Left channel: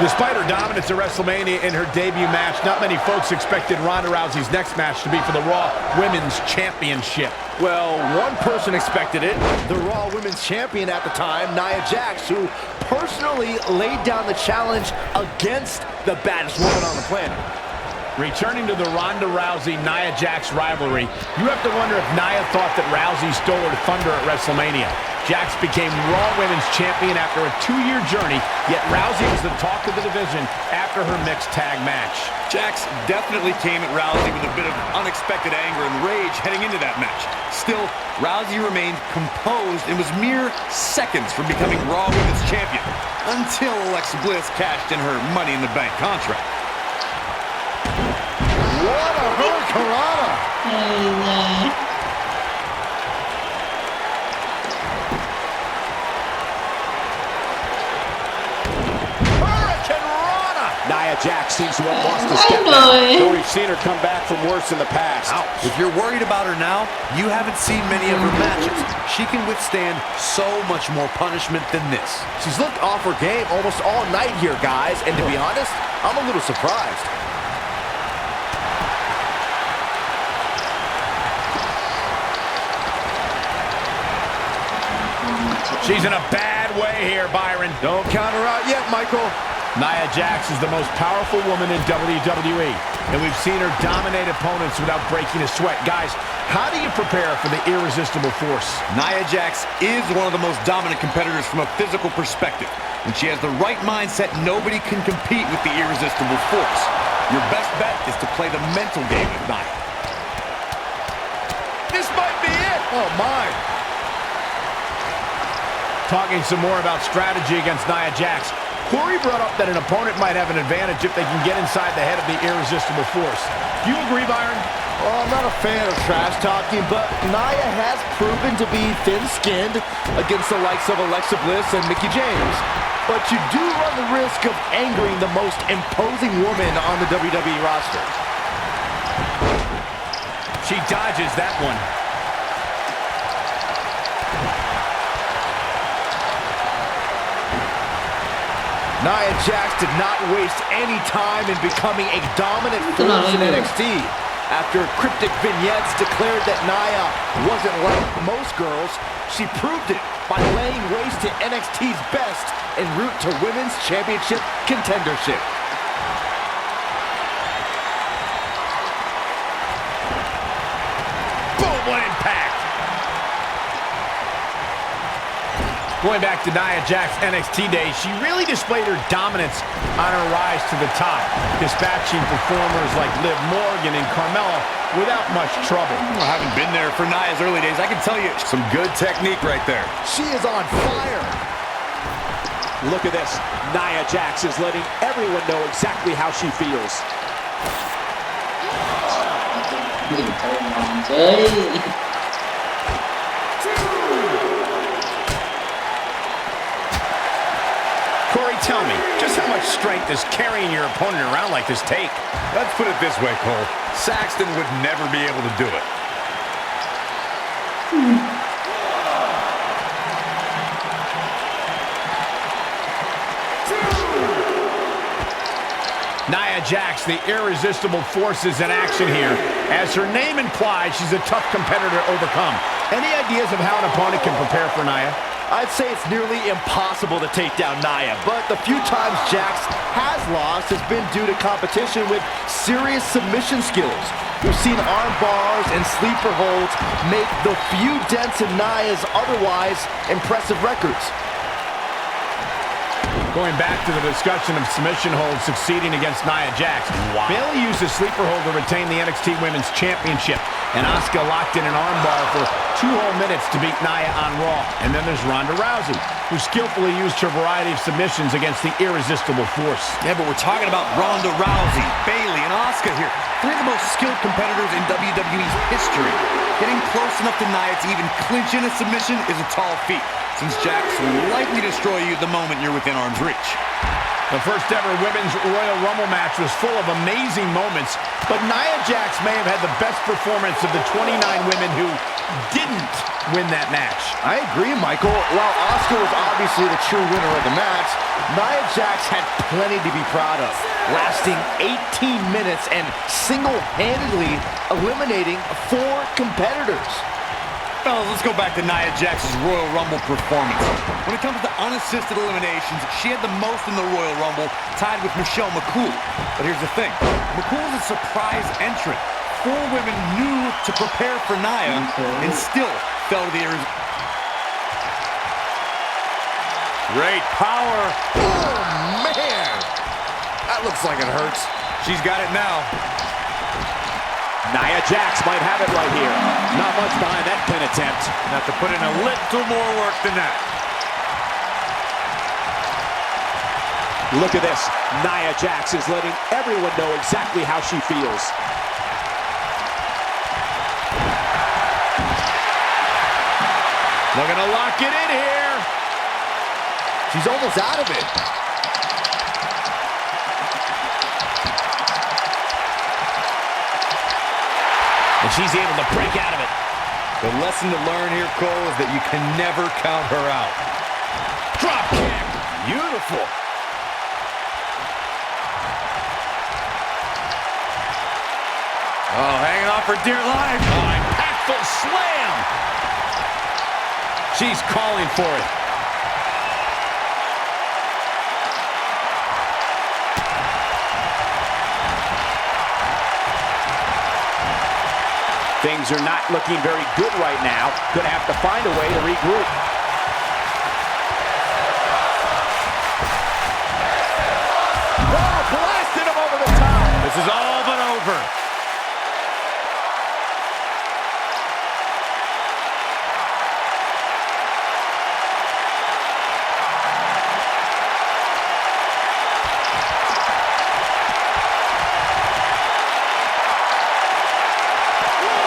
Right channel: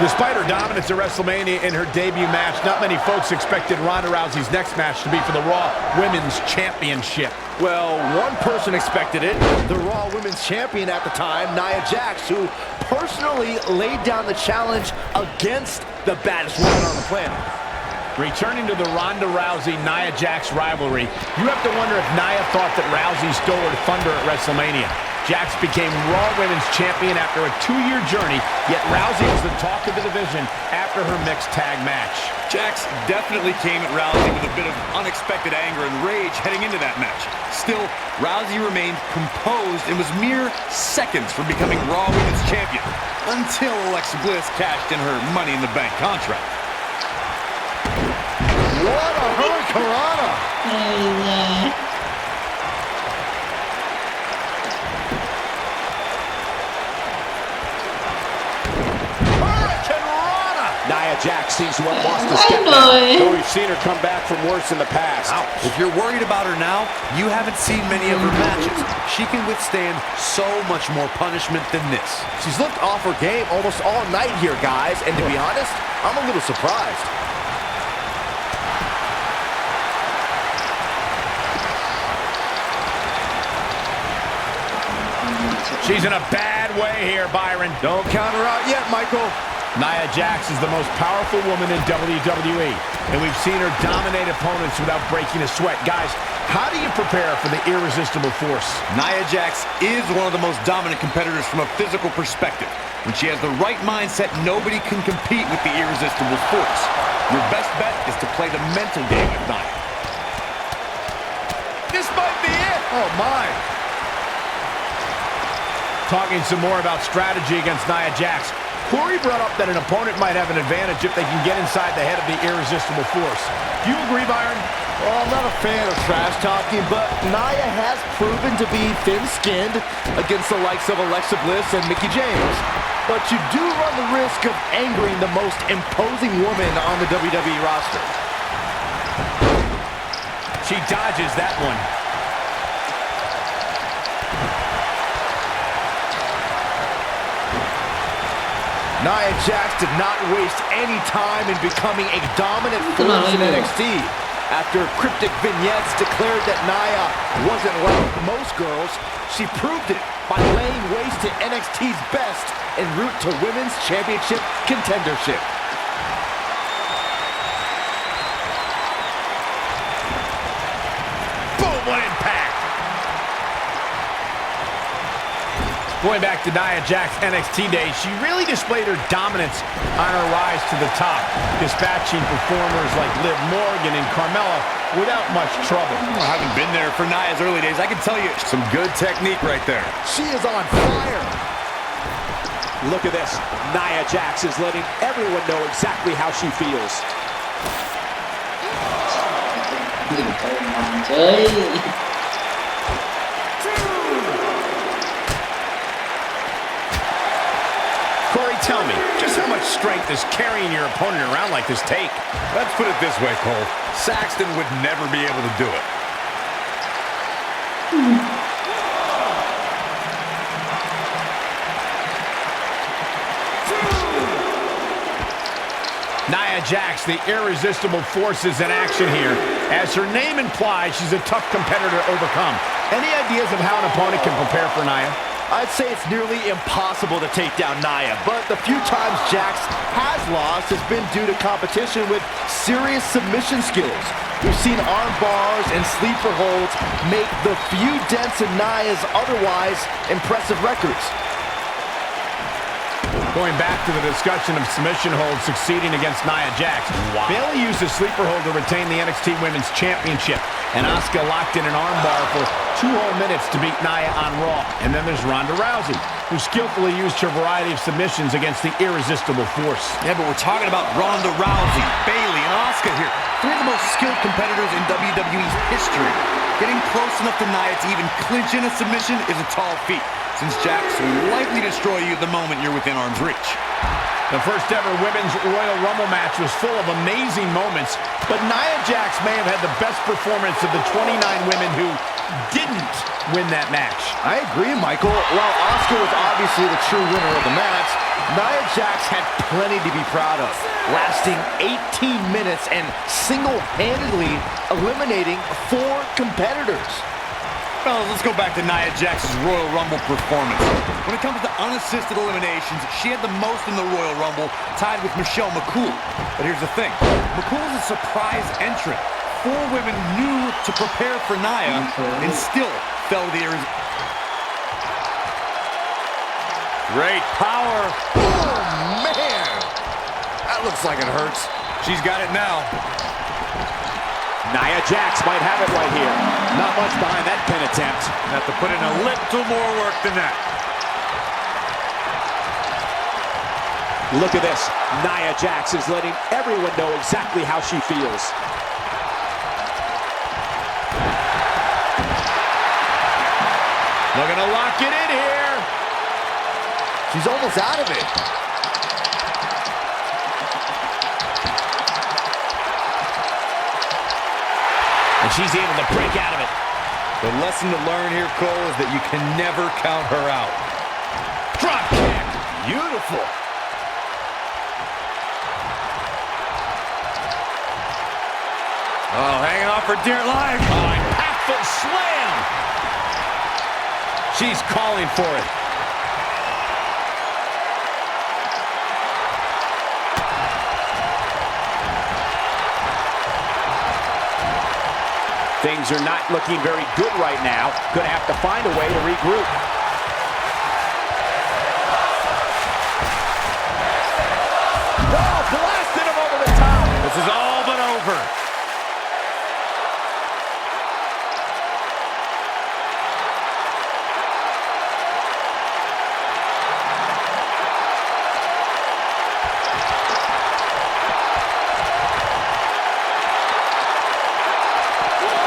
Despite her dominance at WrestleMania in her debut match, not many folks expected Ronda Rousey's next match to be for the Raw Women's Championship. Well, one person expected it, the Raw Women's Champion at the time, Nia Jax, who personally laid down the challenge against the baddest woman on the planet. Returning to the Ronda Rousey-Nia Jax rivalry, you have to wonder if Nia thought that Rousey stole her thunder at WrestleMania. Jax became Raw Women's Champion after a 2-year journey, yet Rousey was the talk of the division after her mixed tag match. Jax definitely came at Rousey with a bit of unexpected anger and rage heading into that match. Still, Rousey remained composed and was mere seconds from becoming Raw Women's Champion until Alexa Bliss cashed in her Money in the Bank contract. What a hurricanrana! Nia Jax seems to have lost a step now, though we've seen her come back from worse in the past. Ouch. If you're worried about her now, you haven't seen many of her matches. She can withstand so much more punishment than this. She's looked off her game almost all night here, guys, and to be honest, I'm a little surprised. She's in a bad way here, Byron. Don't count her out yet, Michael. Nia Jax is the most powerful woman in WWE, and we've seen her dominate opponents without breaking a sweat. Guys, how do you prepare for the irresistible force? Nia Jax is one of the most dominant competitors from a physical perspective. When she has the right mindset, nobody can compete with the irresistible force. Your best bet is to play the mental game with Nia. This might be it. Oh, my. Talking some more about strategy against Nia Jax, Corey brought up that an opponent might have an advantage if they can get inside the head of the irresistible force. Do you agree, Byron? Well, I'm not a fan of trash talking, but Nia has proven to be thin-skinned against the likes of Alexa Bliss and Mickie James. But you do run the risk of angering the most imposing woman on the WWE roster. She dodges that one. Nia Jax did not waste any time in becoming a dominant force in NXT. After cryptic vignettes declared that Nia wasn't like most girls, she proved it by laying waste to NXT's best en route to Women's Championship contendership. Boom, what impact! Going back to Nia Jax's NXT days, she really displayed her dominance on her rise to the top, dispatching performers like Liv Morgan and Carmella without much trouble. Well, having been there for Nia's early days, I can tell you some good technique right there. She is on fire. Look at this. Nia Jax is letting everyone know exactly how she feels. Corey, tell me, just how much strength does carrying your opponent around like this take? Let's put it this way, Cole. Saxton would never be able to do it. Nia Jax, the irresistible force, is in action here. As her name implies, she's a tough competitor to overcome. Any ideas of how an opponent can prepare for Nia? I'd say it's nearly impossible to take down Nia, but the few times Jax has lost has been due to competition with serious submission skills. We've seen arm bars and sleeper holds make the few dents in Nia's otherwise impressive records. Going back to the discussion of submission holds succeeding against Nia Jax. Wow. Bayley used a sleeper hold to retain the NXT Women's Championship, and Asuka locked in an armbar for 2 whole minutes to beat Nia on Raw. And then there's Ronda Rousey, who skillfully used her variety of submissions against the irresistible force. Yeah, but we're talking about Ronda Rousey, Bayley, and Asuka here. 3 of the most skilled competitors in WWE's history. Getting close enough to Nia to even clinch in a submission is a tall feat, since Jax will likely destroy you the moment you're within arm's reach. The first ever Women's Royal Rumble match was full of amazing moments, but Nia Jax may have had the best performance of the 29 women who didn't win that match. I agree, Michael. While Asuka was obviously the true winner of the match, Nia Jax had plenty to be proud of, lasting 18 minutes and single-handedly eliminating 4 competitors. Fellas, let's go back to Nia Jax's Royal Rumble performance. When it comes to unassisted eliminations, she had the most in the Royal Rumble, tied with Michelle McCool. But here's the thing. McCool is a surprise entrant. 4 women knew to prepare for Nia and still fell to the earth. Great power. Oh, man! That looks like it hurts. She's got it now. Nia Jax might have it right here. Not much behind that pin attempt. Have to put in a little more work than that. Look at this. Nia Jax is letting everyone know exactly how she feels. Looking to lock it in here. She's almost out of it. And she's able to break out of it. The lesson to learn here, Cole, is that you can never count her out. Drop kick. Beautiful. Oh, hanging on for dear life. Oh, impactful slam. She's calling for it. Things are not looking very good right now. Gonna have to find a way to regroup. Oh, blasted him over the top. This is all but over.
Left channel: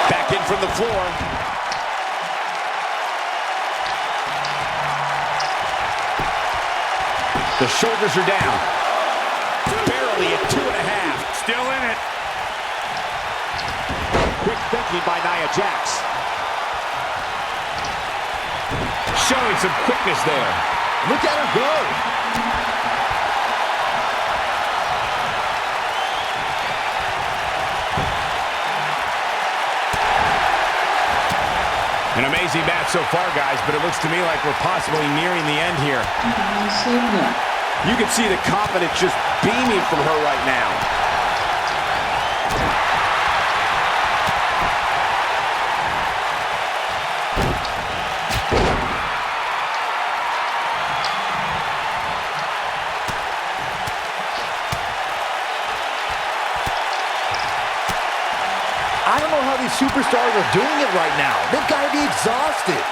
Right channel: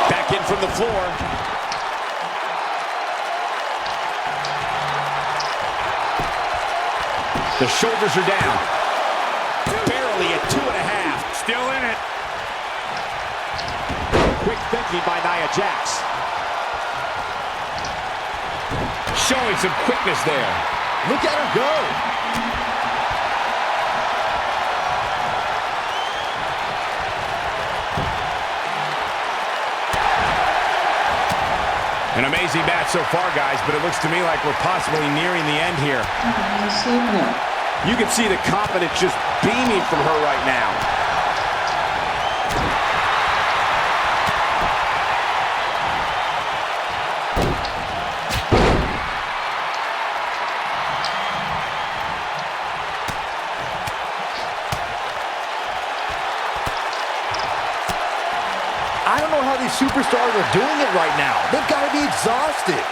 Back in from the floor. The shoulders are down. Barely at 2.5. Still in it. Quick thinking by Nia Jax. Showing some quickness there. Look at her go. An amazing match so far, guys, but it looks to me like we're possibly nearing the end here. You can see the confidence just beaming from her right now. I don't know how these superstars are doing it right now. They've got to be exhausted.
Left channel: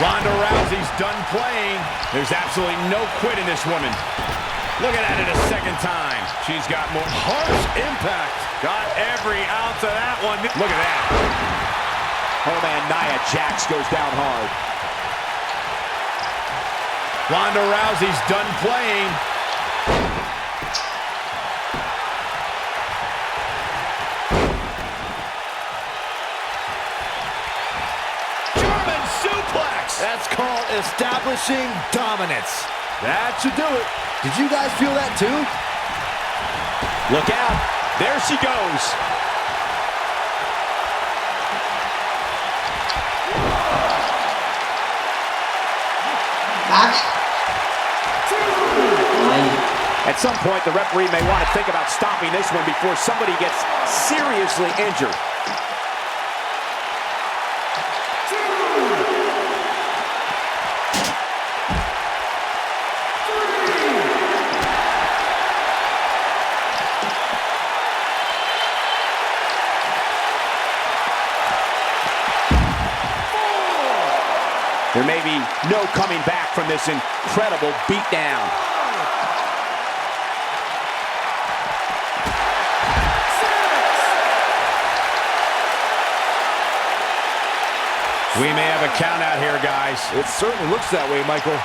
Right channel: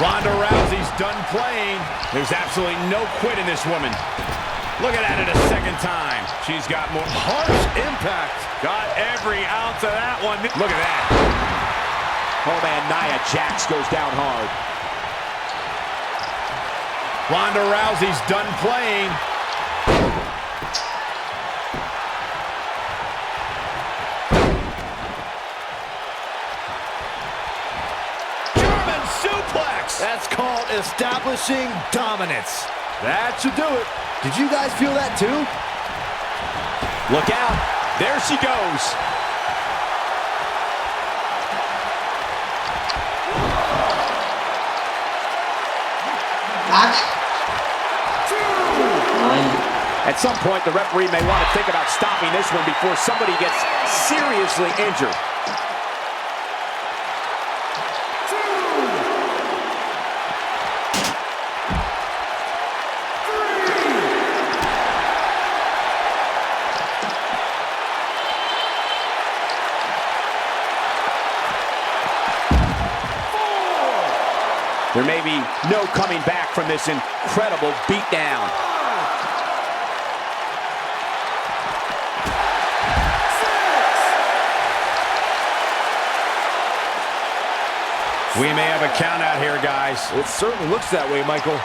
Ronda Rousey's done playing. There's absolutely no quit in this woman. Look at that a second time. She's got more Harsh impact. Got every ounce of that one. Look at that. Oh man, Nia Jax goes down hard. Ronda Rousey's done playing. German suplex. That's called establishing dominance. That should do it. Did you guys feel that too? Look out. There she goes. At some point, the referee may want to think about stopping this one before somebody gets seriously injured. There may be no coming back from this incredible beatdown. We may have a count out here, guys. It certainly looks that way, Michael.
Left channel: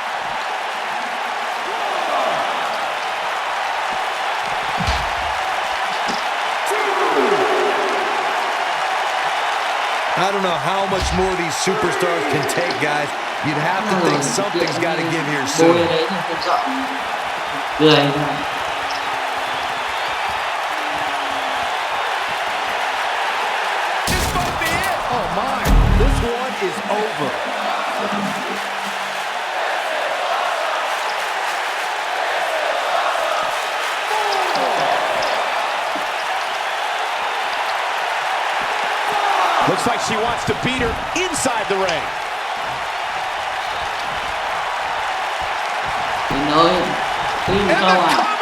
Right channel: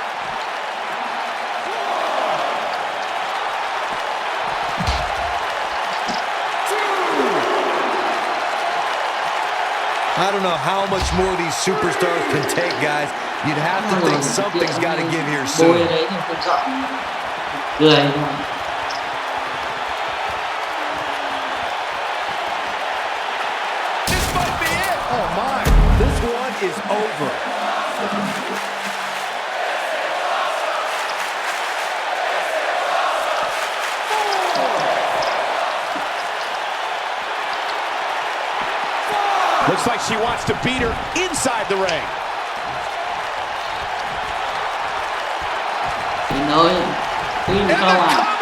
I don't know how much more these superstars can take, guys. You'd have to think something's got to give here soon. Bôi đấy thì không rõ. Cười thôi. This might be it. Oh my, this one is over. Looks like she wants to beat her inside the ring. Trời ơi, phim And câu they're à. coming